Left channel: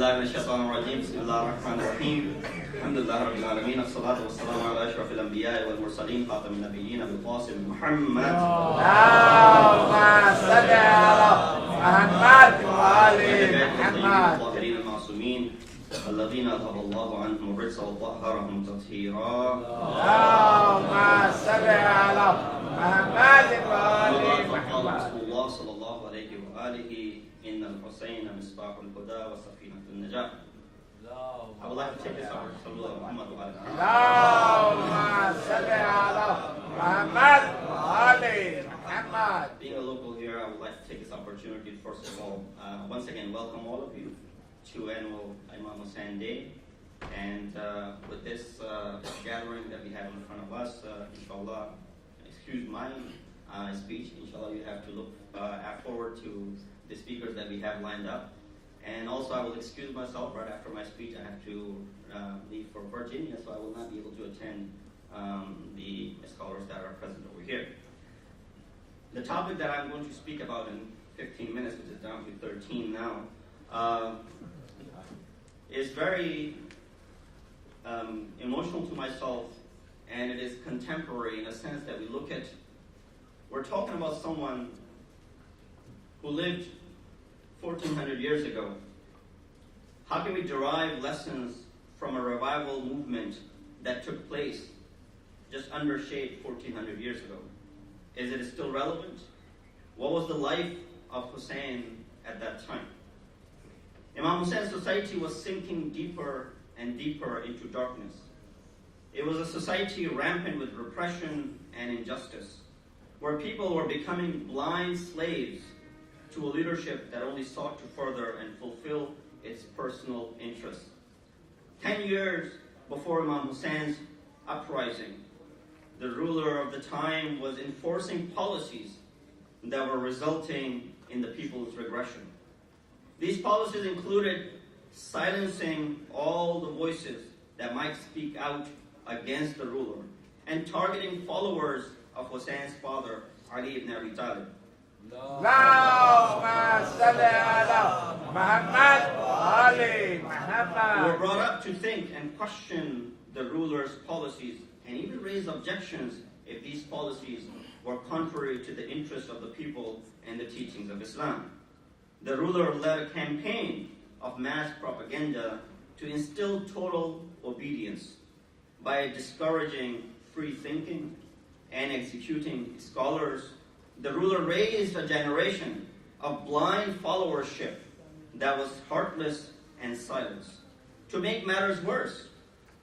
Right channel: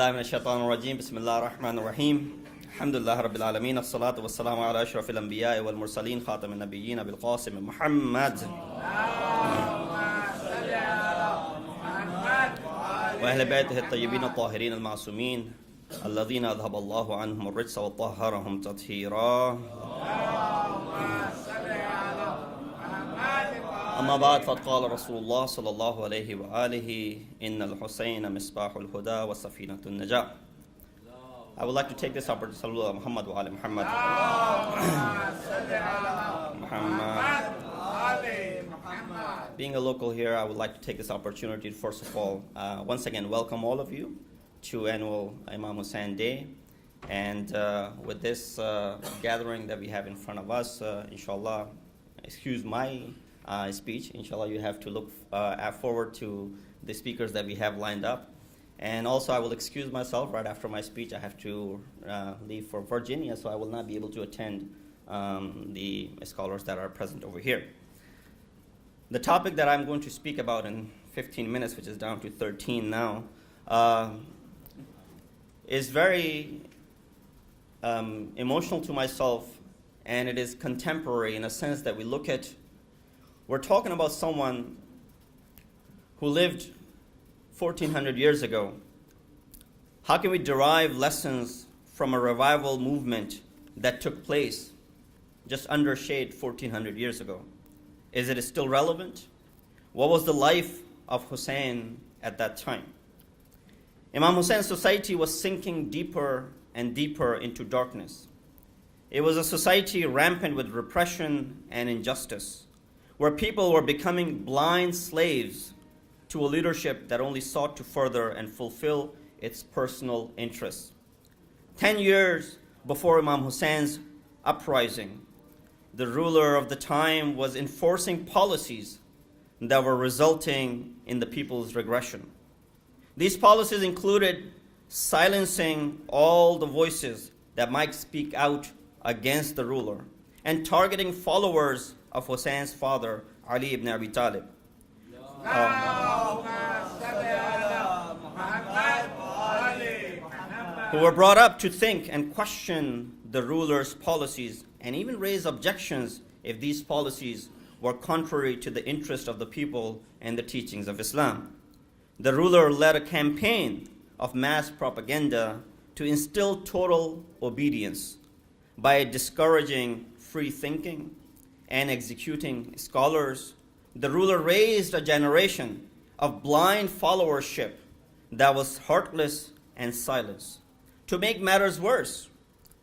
بالله من الشيطان الرجيم بسم الله الرحمن الرحيم الحمد لله رب العالمين الصلاة والسلام على أشرف الأنبياء والمرسلين خاتم النبيين بالقاسم محمد اللهم صل على محمد وأهل وآل بيته الطيبين محمد الطاهرين المعصومين الذين أذهب الله عنهم الرجس وطهرهم تطهيرا. اللهم صل على محمد أما وآل بعد فقال محمد. رسول الله صلى الله عليه وآله إن الحسين مصباح الهدى وسفينة النجاة. I would like to take this opportunity to salute Muhammad wa ali Muhammad. اللهم صل على محمد وآل محمد. Being a local here, I would like to take this opportunity to first of all, once again, welcome all of you to annual Imam Hussain Day. And with this gathering that we have in front of us, inshallah, excuse my speech, inshallah you have to look forward to the speakers that we have lined up. And also I will excuse myself right after my speech. I have to leave for Virginia, so I will not be able to attend the scholars that are present over here. The topic that I'm going to speak about in 15 minutes, which is down to 13 now, is very emotional to myself, and it is contemporary in a sense that we're talking about someone who lived 1400 years ago. How can we derive lessons from a revival movement that took place just under shade 1400 years ago? Is it still relevant? What was the life of Hussain at that time? Imam Hussein's society was sinking deeper and deeper into darkness. It was a society rampant with repression and injustice, where people were becoming blind slaves to a leadership that only sought to further and fulfill its personal interests. 10 years before Imam Hussein's uprising, the ruler of the time was enforcing policies that were resulting in the people's regression. These policies included silencing all the voices that might speak out against the ruler and targeting followers of Hussein's father, Ali ibn Abi Talib, who were brought up to think and question the ruler's policies and even raise objections if these policies were contrary to the interest of the people and the teachings of Islam. The ruler led a campaign of mass propaganda to instill total obedience by discouraging free thinking and executing scholars. The ruler raised a generation of blind followership that was heartless and silent. To make matters worse,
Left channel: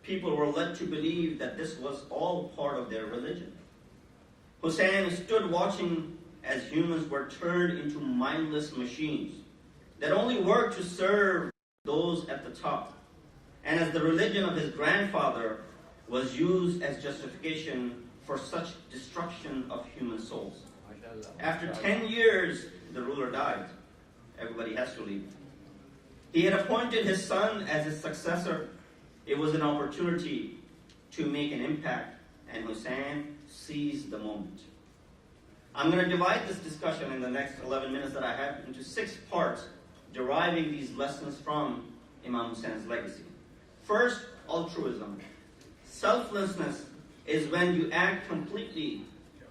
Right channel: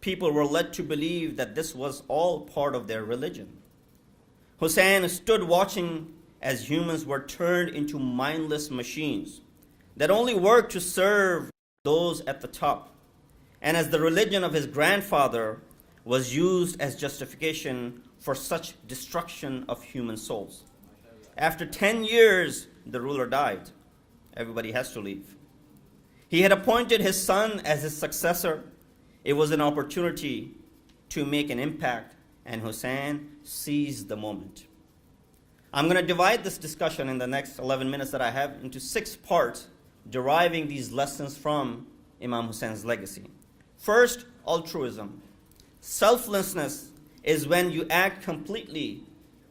people were led to believe that this was all part of their religion. Hussain stood watching as humans were turned into mindless machines that only worked to serve those at the top, and as the religion of his grandfather was used as justification for such destruction of human souls. After 10 years, the ruler died. Everybody has to leave. He had appointed his son as his successor. It was an opportunity to make an impact, and Hussain seized the moment. I'm going to divide this discussion in the next 11 minutes that I have into 6 parts, deriving these lessons from Imam Hussein's legacy. First, altruism. Selflessness is when you act completely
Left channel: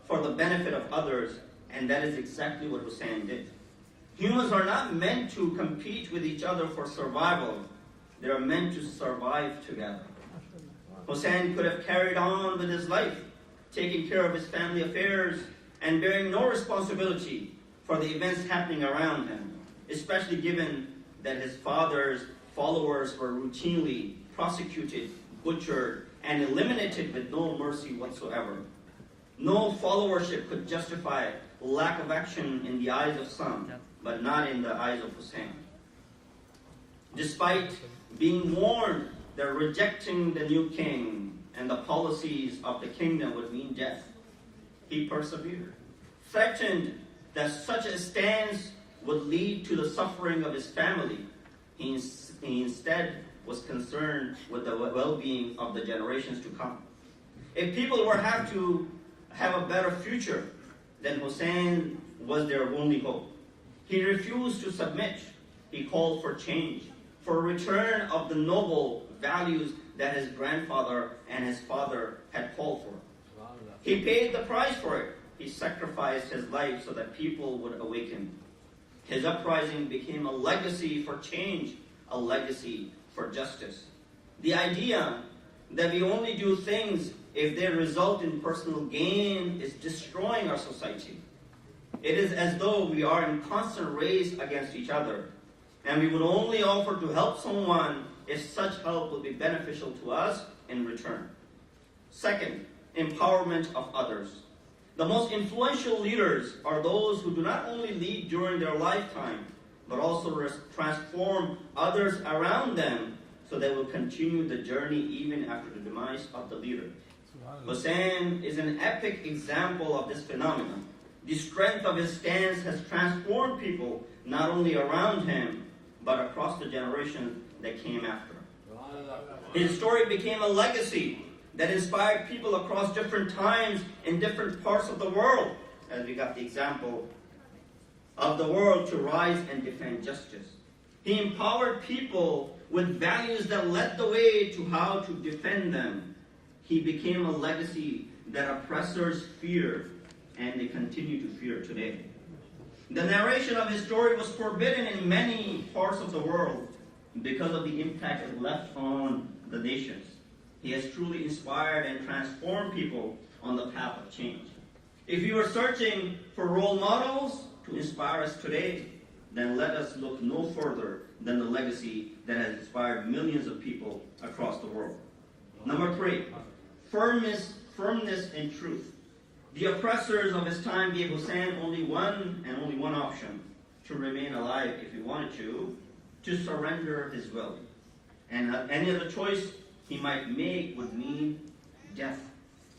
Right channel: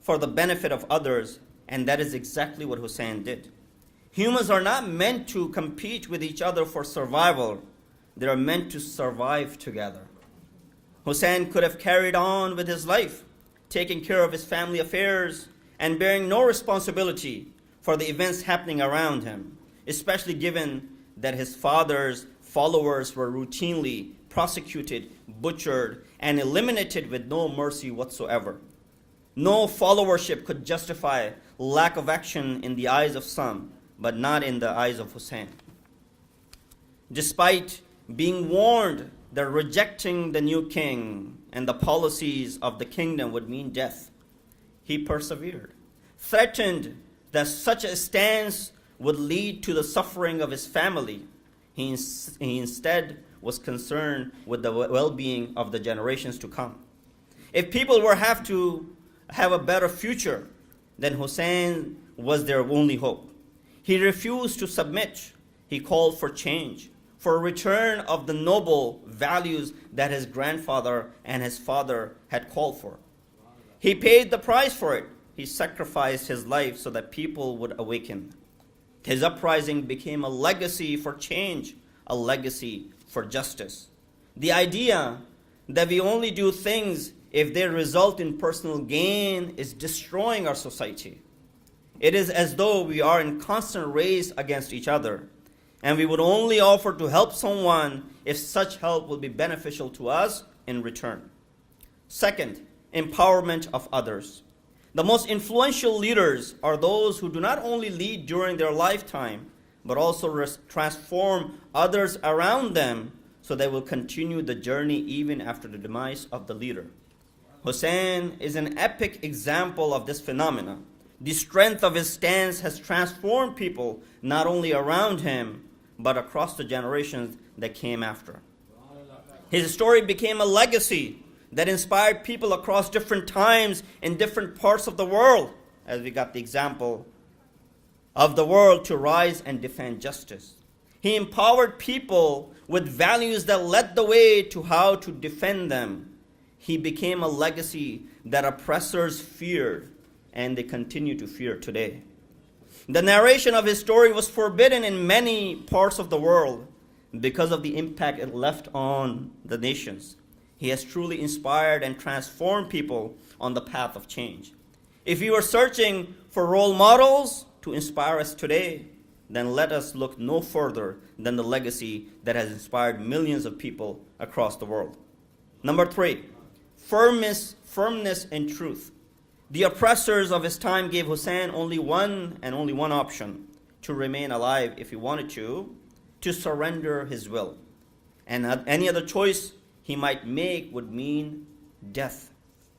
for the benefit of others, and that is exactly what Hussain did. Humans are not meant to compete with each other for survival. They are meant to survive together. Hussain could have carried on with his life, taking care of his family affairs and bearing no responsibility for the events happening around him, especially given that his father's followers were routinely prosecuted, butchered, and eliminated with no mercy whatsoever. No followership could justify lack of action in the eyes of some, but not in the eyes of Hussain. Despite being warned that rejecting the new king and the policies of the kingdom would mean death, he persevered, threatened that such a stance would lead to the suffering of his family. He instead was concerned with the well-being of the generations to come. If people were have to have a better future, then Hussain was their only hope. He refused to submit. He called for change, for return of the noble values that his grandfather and his father had called for. He paid the price for it. He sacrificed his life so that people would awaken. His uprising became a legacy for change, a legacy for justice. The idea that we only do things if they result in personal gain is destroying our society. It is as though we are in constant race against each other, and we would only offer to help someone if such help will be beneficial to us in return. Second, empowerment of others. The most influential leaders are those who do not only lead during their lifetime, but also transform others around them so they will continue the journey even after the demise of the leader. Hussain is an epic example of this phenomenon. The strength of his stance has transformed people not only around him, but across the generations that came after. His story became a legacy that inspired people across different times in different parts of the world, as we got the example of the world to rise and defend justice. He empowered people with values that led the way to how to defend them. He became a legacy that oppressors feared, and they continue to fear today. The narration of his story was forbidden in many parts of the world because of the impact it left on the nations. He has truly inspired and transformed people on the path of change. If you are searching for role models to inspire us today, then let us look no further than the legacy that has inspired millions of people across the world. Number 3, firmness and truth. The oppressors of his time gave Hussain only one option: to remain alive if he wanted to surrender his will. And any other choice he might make would mean death.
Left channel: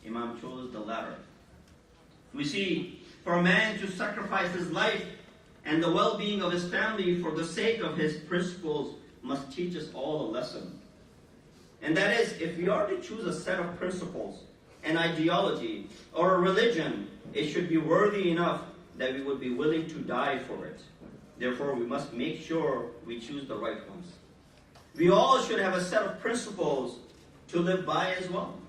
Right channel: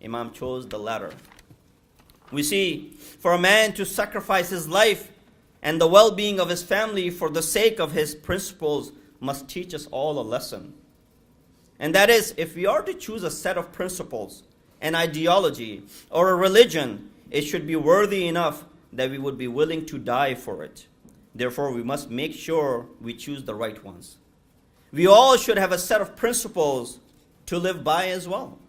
Imam chose the latter. We see, for a man to sacrifice his life and the well-being of his family for the sake of his principles must teach us all a lesson. And that is, if we are to choose a set of principles, an ideology, or a religion, it should be worthy enough that we would be willing to die for it. Therefore, we must make sure we choose the right ones. We all should have a set of principles to live by as well.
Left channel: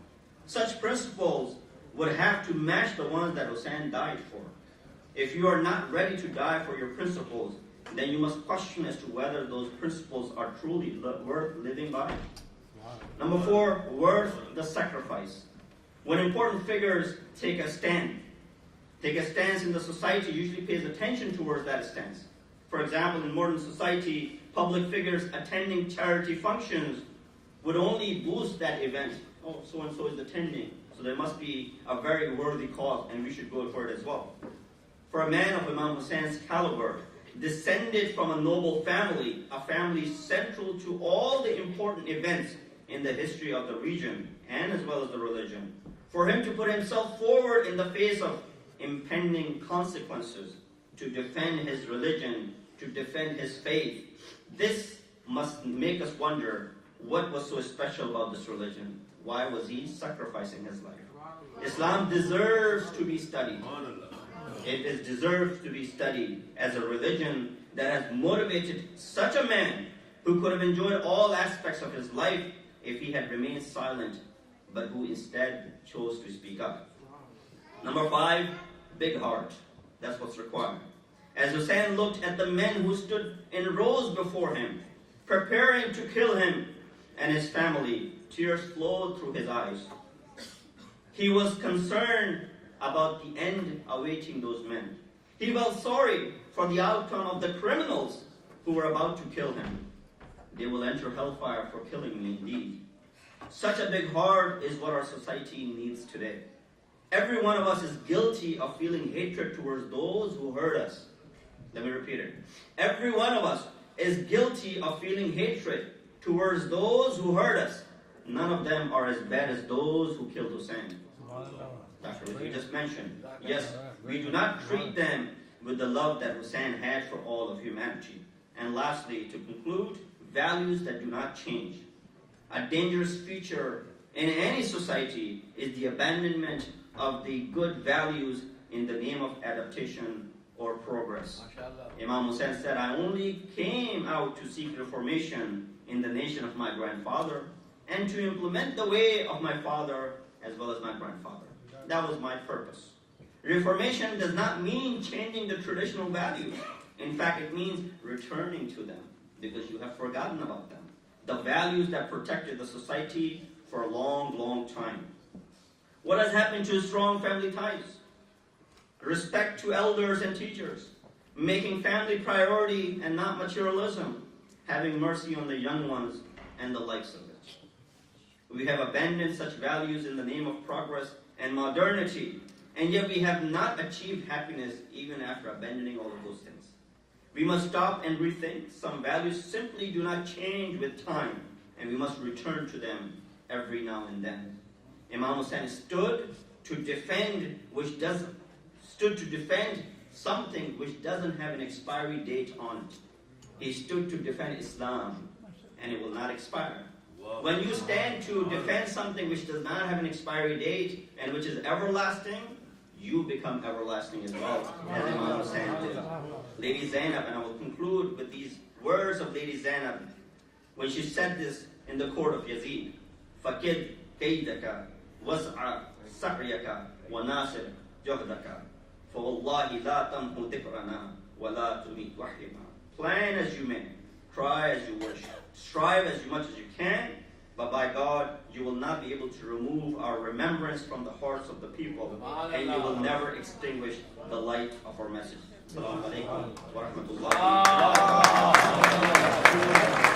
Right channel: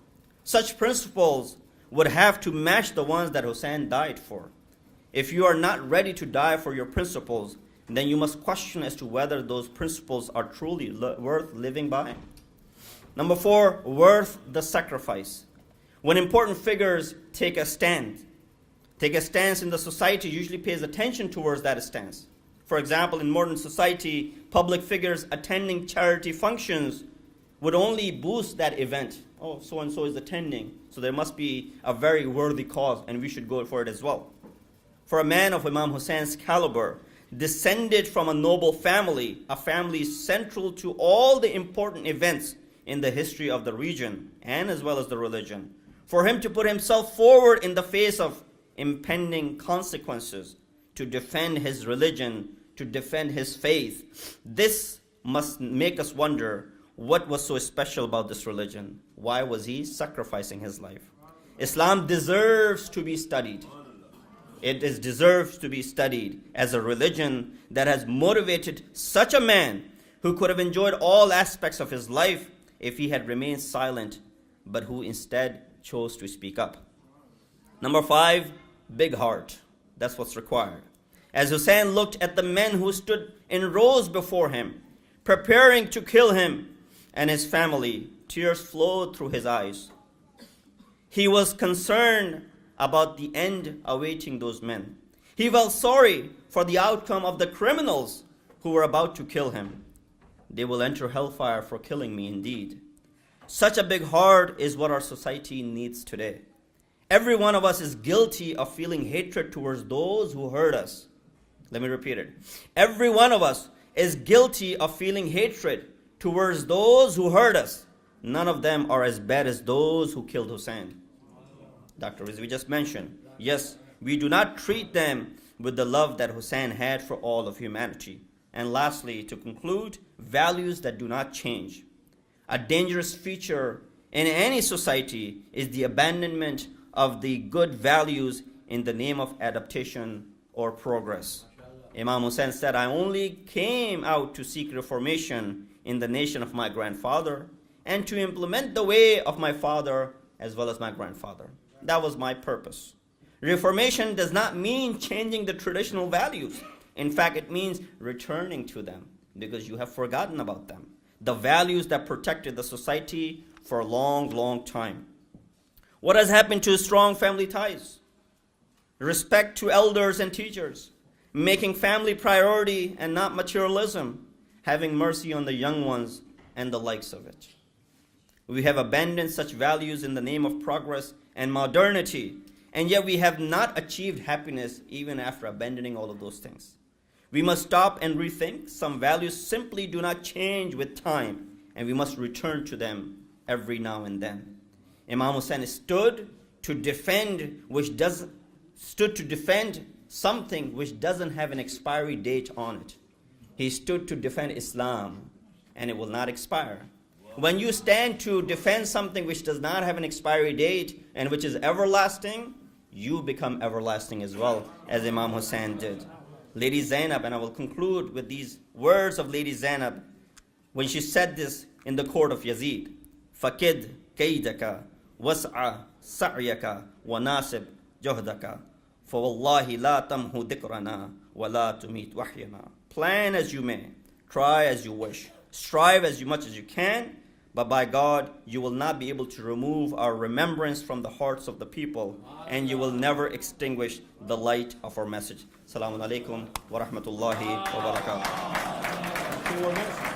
Such principles would have to match the ones that Hussain died for. If you are not ready to die for your principles, then you must question as to whether those principles are truly worth living by. Number 4, worth the sacrifice. When important figures take a stance in the society, usually pays attention towards that stance. For example, in modern society, public figures attending charity functions would only boost that event. Oh, so-and-so is attending, so there must be a very worthy cause, and we should go for it as well. For a man of Imam Hussain's caliber, descended from a noble family, a family central to all the important events in the history of the region, and as well as the religion, for him to put himself forward in the face of impending consequences to defend his religion, to defend his faith, this must make us wonder what was so special about this religion. Why was he sacrificing his life? Islam deserves to be studied. It deserves to be studied as a religion that has motivated such a man who could have enjoyed all aspects of his life if he had remained silent, but who instead chose to speak up. Number 5, big heart. That's what's required. As Hussain looked at the men who stood in rows before him, preparing to kill him and his family, tears flowed through his eyes. He was concerned about the end awaiting those men. He felt sorry for the outcome of the criminals who were about to kill him. They will enter hellfire for killing me indeed. Such a big heart is what our society needs today. Every one of us is guilty of feeling hatred towards those who hurt us. Let me repeat it. Every one of us is guilty of feeling hatred towards those who hurt us. None of them are as bad as those who killed Hussain. Dr. Rizvi just mentioned. Yes, we do not treat them with the love that Hussain had for all of humanity. And lastly, to conclude, values that do not change. A dangerous feature in any society is the abandonment of the good values in the name of adaptation or progress. Imam Hussain said, I only came out to seek reformation in the nation of my grandfather and to implement the way of my father as well as my grandfather. That was my purpose. Reformation does not mean changing the traditional values. In fact, it means returning to them because you have forgotten about them. The values that protected the society for a long, long time. What has happened to strong family ties? Respect to elders and teachers. Making family priority and not materialism. Having mercy on the young ones and the likes of it. We have abandoned such values in the name of progress and modernity, and yet we have not achieved happiness even after abandoning all of those things. We must stop and rethink. Some values simply do not change with time, and we must return to them every now and then. Imam Hussain stood to defend something which doesn't have an expiry date on it. He stood to defend Islam, and it will not expire. When you stand to defend something which does not have an expiry date and which is everlasting, you become everlasting as well, as Imam Hussain did. Lady Zainab, and I will conclude with these words of Lady Zainab, when she said this in the court of Yazid, فَكِدْ كَيْدَكَ وَسْعَ سَعْيَكَ وَنَاسِبْ جُهْدَكَ فَوَاللَّهِ لَا تَمْهُ ذِكْرَنَا وَلَا تُمِيتْ وَحْيَنَا. Plan as you may, try as you wish, strive as much as you can, but by God, you will not be able to remove our remembrance from the hearts of the people, and you will never extinguish the light of our message. Assalamu alaikum wa rahmatullahi wa barakatuh.